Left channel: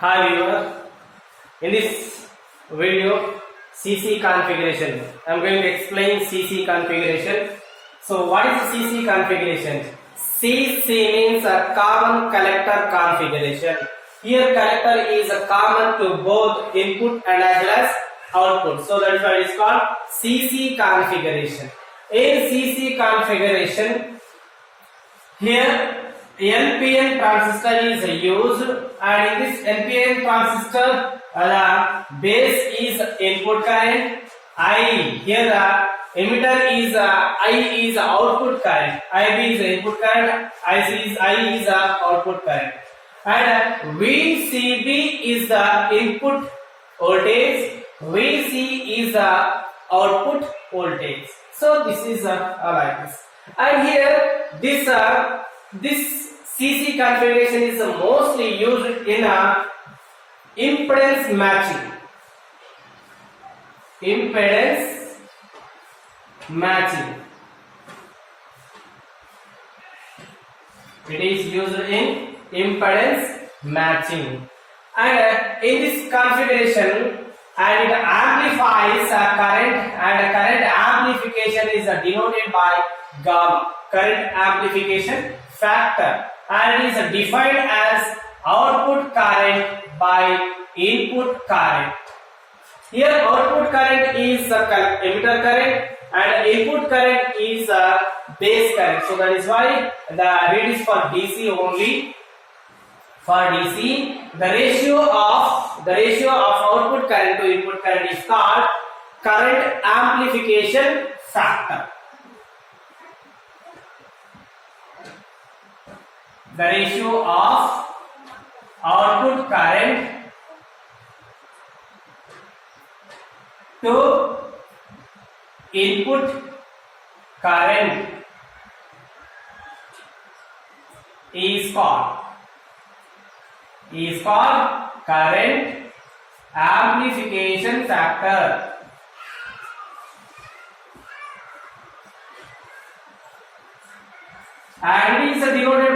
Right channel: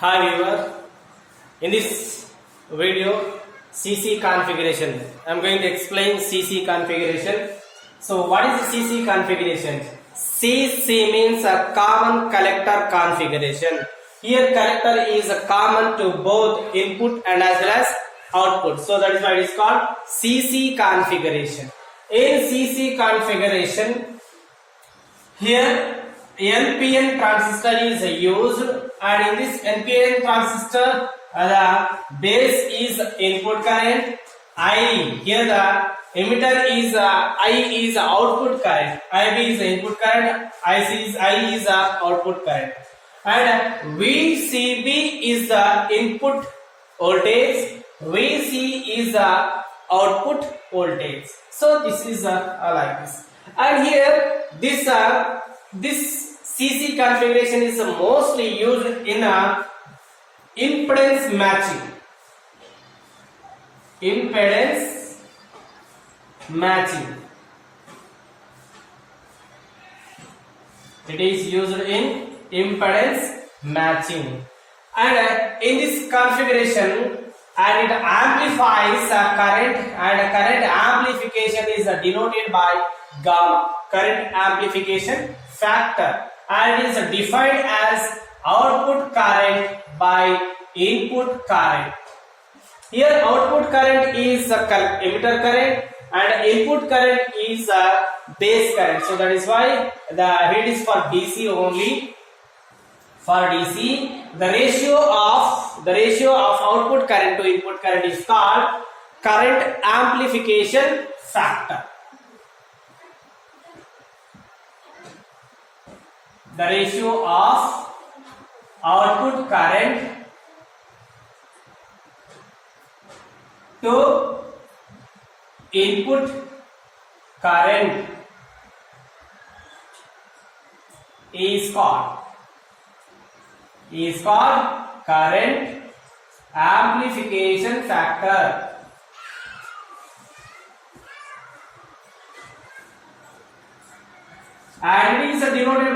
Hi viewer, in this video CC configuration, I am going to explain CC configuration. So what is the CC configuration? CC means a common collector configuration. Here collector is a common to both input and as well as output. So that is why it is called CC configuration. In CC configuration, here NPN transistor is used, and in this NPN transistor the base is input current I. Here the emitter is I is output current. IB is input current. I is output current, and VCB is the input voltage. VC is the output voltage. So this is like this, and here this CC configuration is mostly used in impedance matching. Impedance matching. It is used in impedance matching, and in this configuration, and it amplifies current, and current amplification is denoted by gamma, current amplification factor, and it is defined as output current by input current. Here output current is emitter current and input current is base current. So that is why the read is for DC only. For DC, the ratio of output current to input current is called current amplification factor. The ratio of output current to input current is called current amplification factor. And it is denoted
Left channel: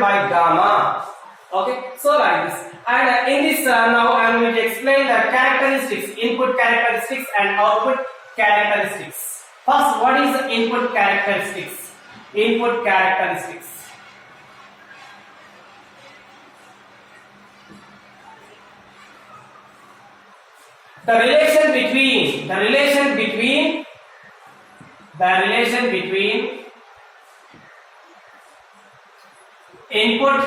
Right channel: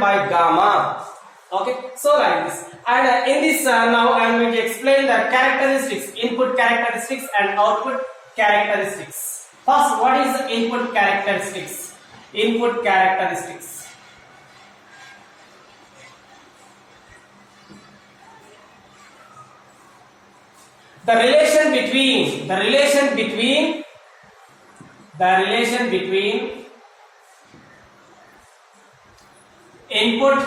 by gamma. Okay, so like this. And in this now I am going to explain the characteristics, input characteristics and output characteristics. First, what is the input characteristics? Input characteristics. The relation between input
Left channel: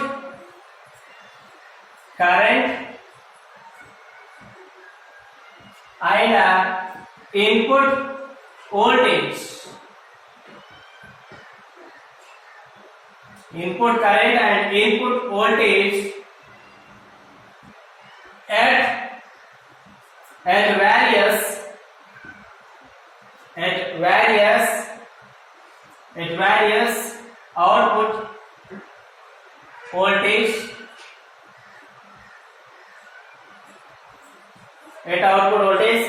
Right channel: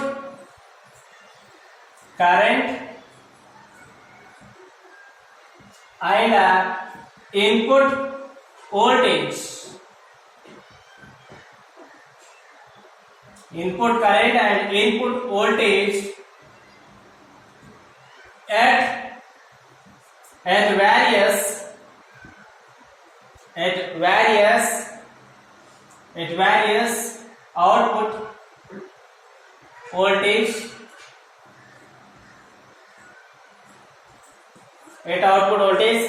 current and input voltage. Input current and input voltage at various output voltage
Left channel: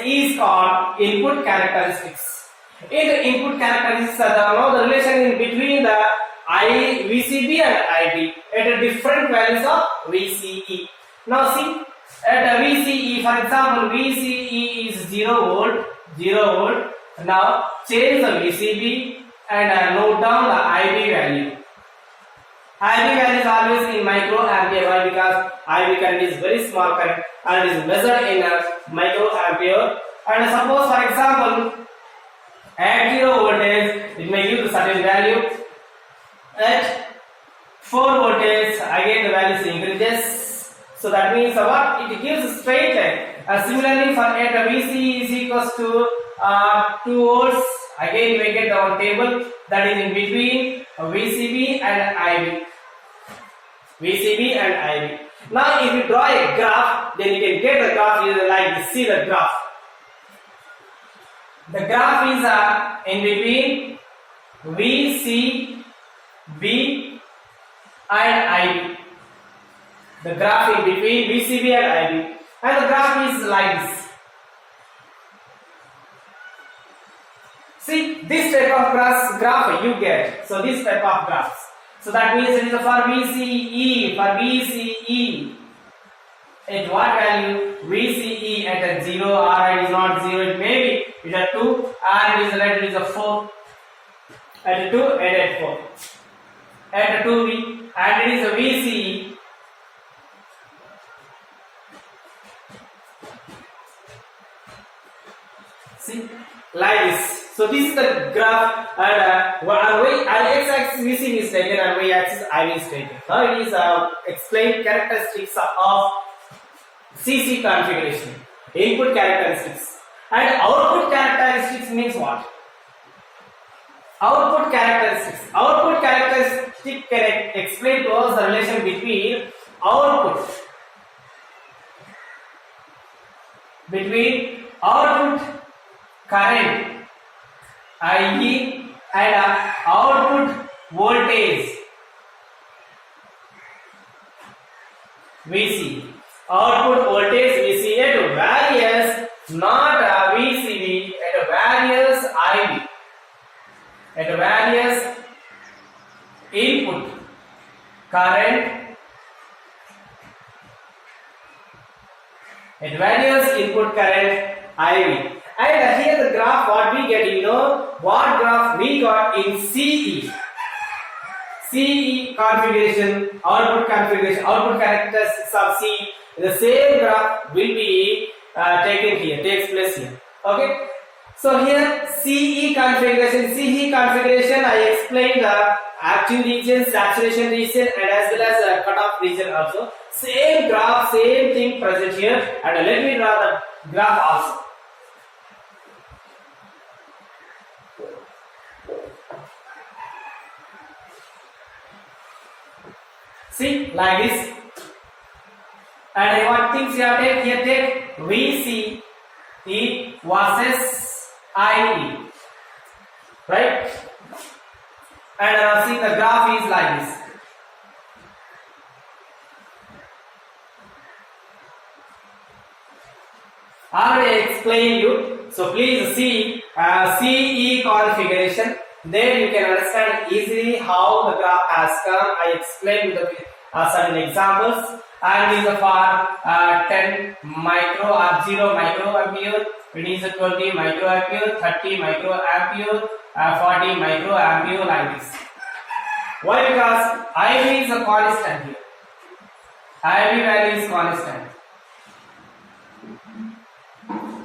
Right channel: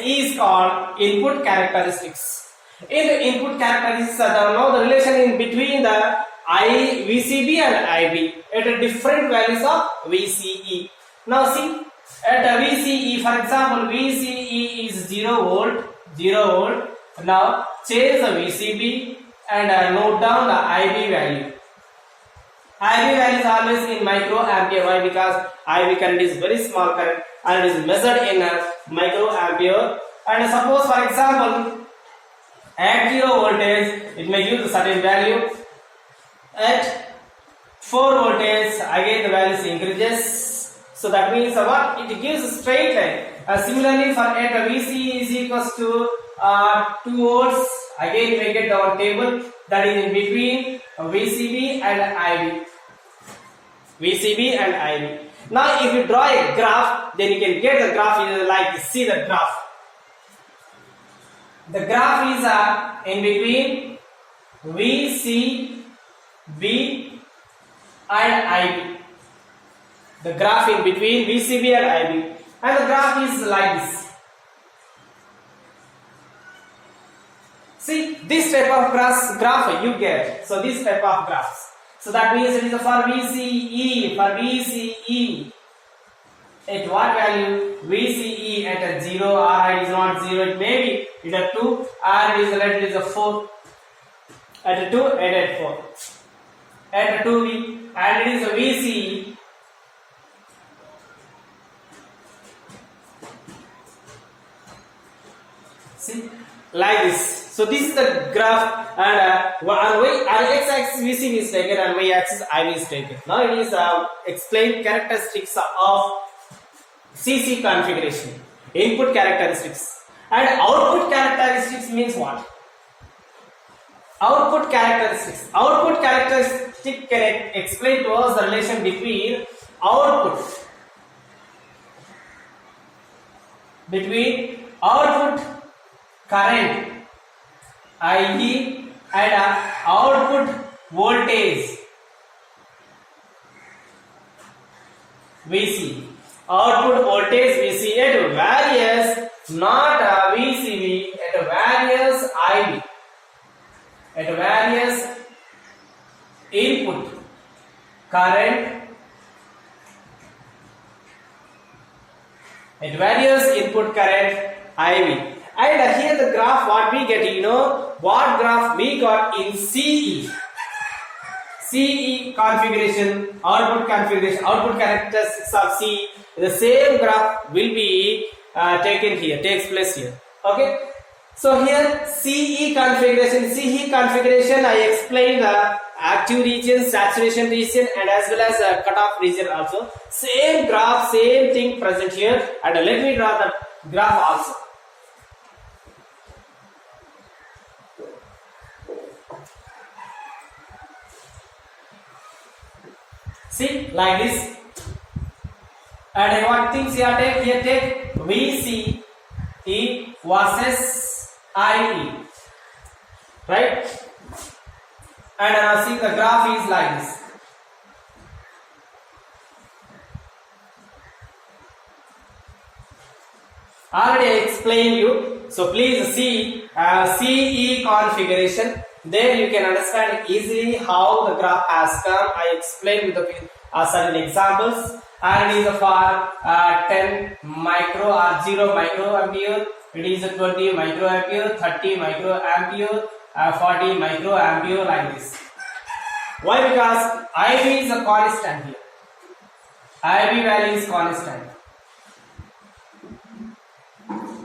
is called input characteristics. In the input characteristics, now the relation in between the VCB and IB at different values of VCE. Now see, at VCE, for example, VCE is 0 volt. Now change the VCB and note down the IB value. IB value is always in microampere. Why? Because IB current is very small current and it is measured in microampere. And suppose, for example, at 0 voltage, it may give the certain value. At 4 voltage, again the value increases. So that means what? It gives a straight line. Similarly, for at VCE is equals to 2 volts. Again, we get our table that is in between VCB and IB. VCB and IB. Now, if you draw a graph, then you can get the graph like this. See the graph. The graph is in between VCB and IB. The graph in between VCB and IB, and the graph is like this. See, this type of graph you get. So this type of graphs. So that means it is for VCE. For VCE, at what value? VCE at a 0, or it is not 0, it may be it is a 2, and it is let it is a 4. At a 2 and at 4. At a 2B, and it is a VCE. See, like this. So this is the graph, and x-axis VCB is taken and y-axis IB is taken. Now it is explain characteristics of CC configuration, input characteristics, and output characteristics means what? Output characteristics. Output characteristic can explain to us the relation between output current IE and output voltage VC. Output voltage VC at various, not VCB, at various IB, at various input current, at various input current IB. And here the graph what we get, you know what graph we got in CE. CE configuration, output characteristics of C. The same graph will be taken here, takes place here. Okay. So here CE configuration, I explained the active region, saturation region, and as well as cutoff region also. Same graph, same thing present here. And let me draw the graph also. See, like this. And what things you have take? Here take VCE versus IE. Right? And see the graph is like this. I already explained you. So please see CE configuration. There you can understand easily how the graph has come. I explained with the certain examples. And it is for 10 micro or 0 microampere. It is 20 microampere, 30 microampere, 40 microampere, like this. Why? Because IB is a constant here. IB value is constant.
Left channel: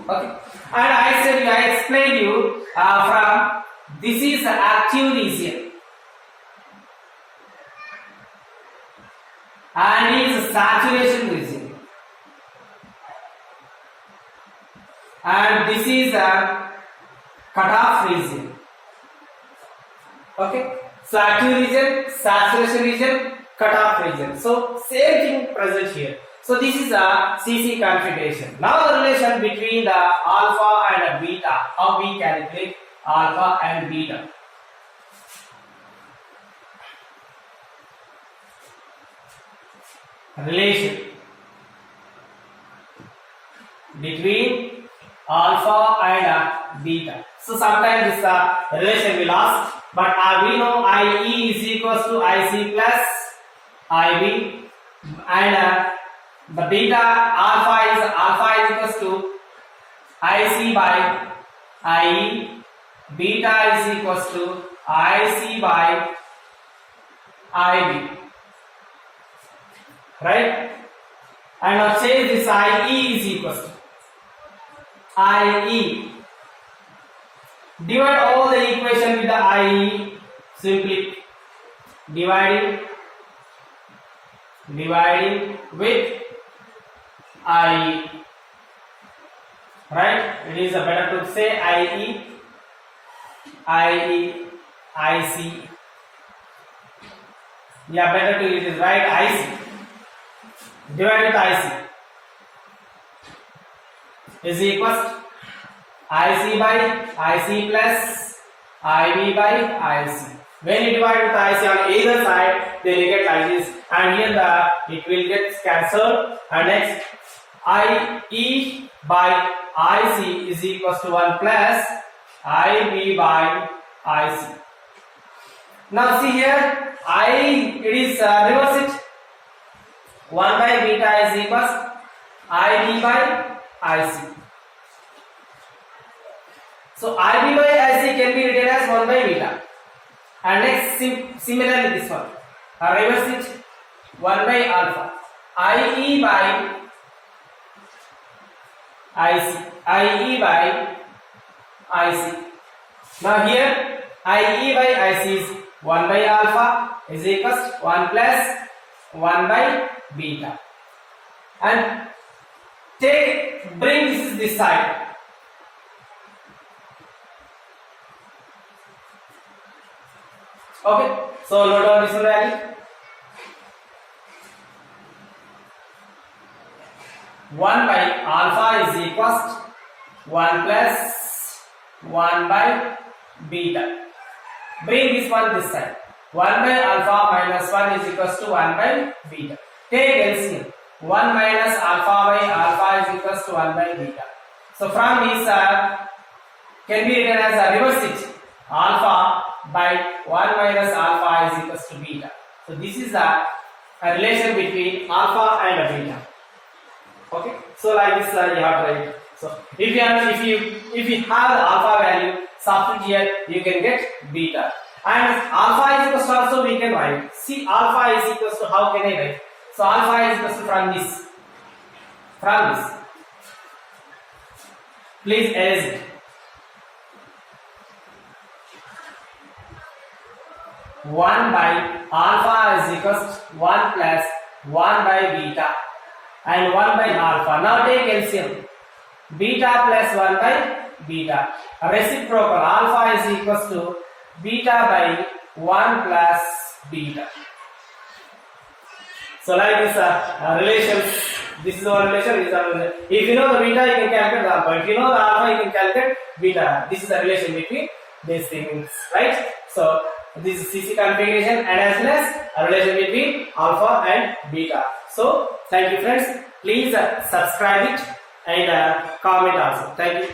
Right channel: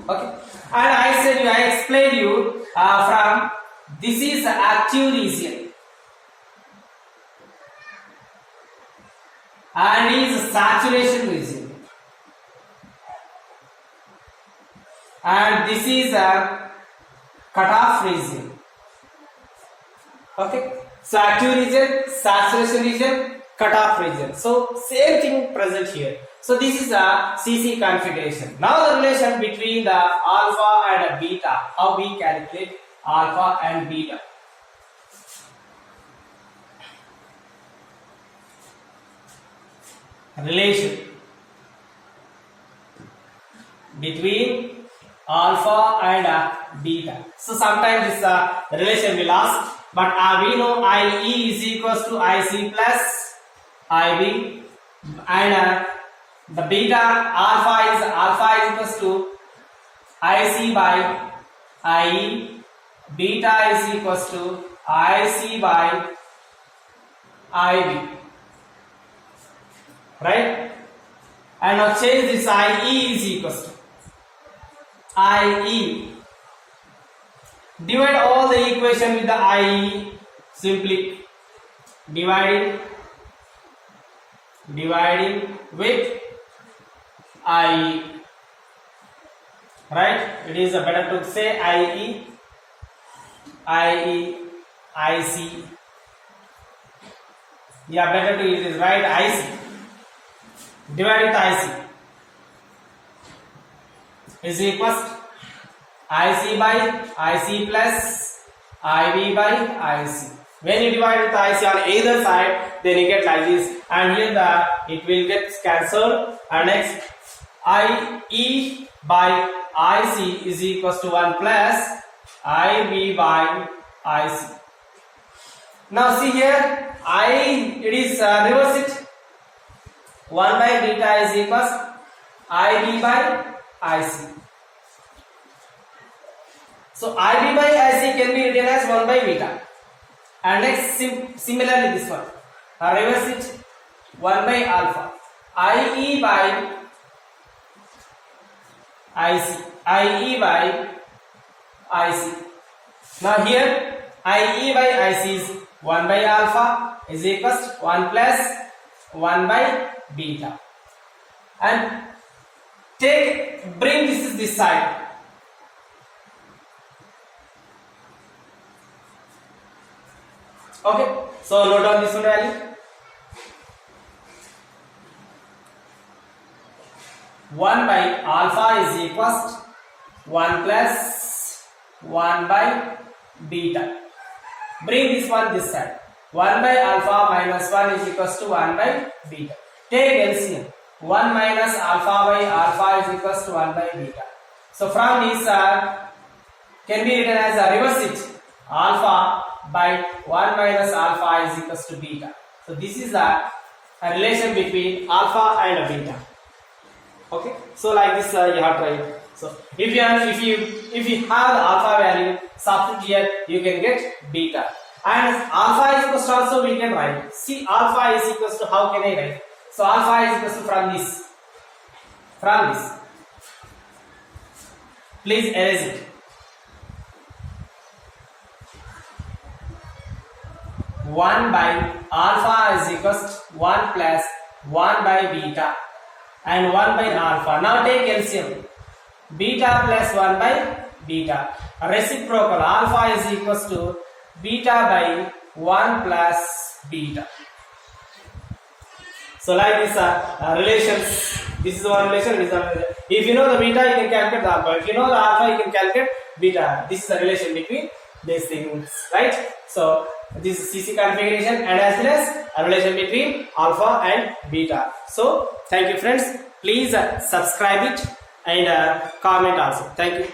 Okay. And I explained you from this is the active region and is saturation region, and this is a cutoff region. Okay. So active region, saturation region, cutoff region. So same thing present here. So this is a CC configuration. Now the relation between the alpha and beta. How we calculate alpha and beta. Relation between alpha and beta. So sometimes this relation will ask, but we know IE is equals to IC plus IB, and the beta alpha is equals to IC by IE, beta is equals to IC by IB, right? And now change this IE is equals to IE. Divide all the equation with the IE, simply dividing with IE, right? It is better to say IE, IC. Yeah, better to use this, right? IC. Divide with IC is equals to IC by IC plus IB by IC. When you divide with IC on either side, then you get like this, and here it will get cancelled, and next IE by IC is equals to 1 plus IB by IC. Now see here, it is reverse it. 1 by beta is equals IB by IC. So IB by IC can be written as 1 by beta. And next, similarly this one, reverse it, 1 by alpha, IE by IC, IE by IC. Now here, IE by IC is 1 by alpha is equals to 1 plus 1 by beta. And bring this side. Okay, so note down this one value. 1 by alpha is equals to 1 plus 1 by beta. Bring this one this side. 1 by alpha minus 1 is equals to 1 by beta. Take LCM. 1 minus alpha by alpha is equals to 1 by beta. So from this can be written as a reverse it. Alpha by 1 minus alpha is equals to beta. So this is the relation between alpha and beta. Okay. So like this you have to write. So if you have the alpha value, substitute here, you can get beta. And alpha is equals to also we can write. See, alpha is equals to, how can I write? So alpha is equals to from this. Please erase it. 1 by alpha is equals to 1 plus 1 by beta and 1 by alpha. Now take LCM. Beta plus 1 by beta. Reciprocal, alpha is equals to beta by 1 plus beta. So like this relations, this is our relation, this is our relation. If you know the beta, you can calculate the alpha. If you know the alpha, you can calculate beta. This is the relation between these things, right? So this is CC configuration and as well as a relation between alpha and beta. So thank you friends. Please subscribe it and comment also. Thank you.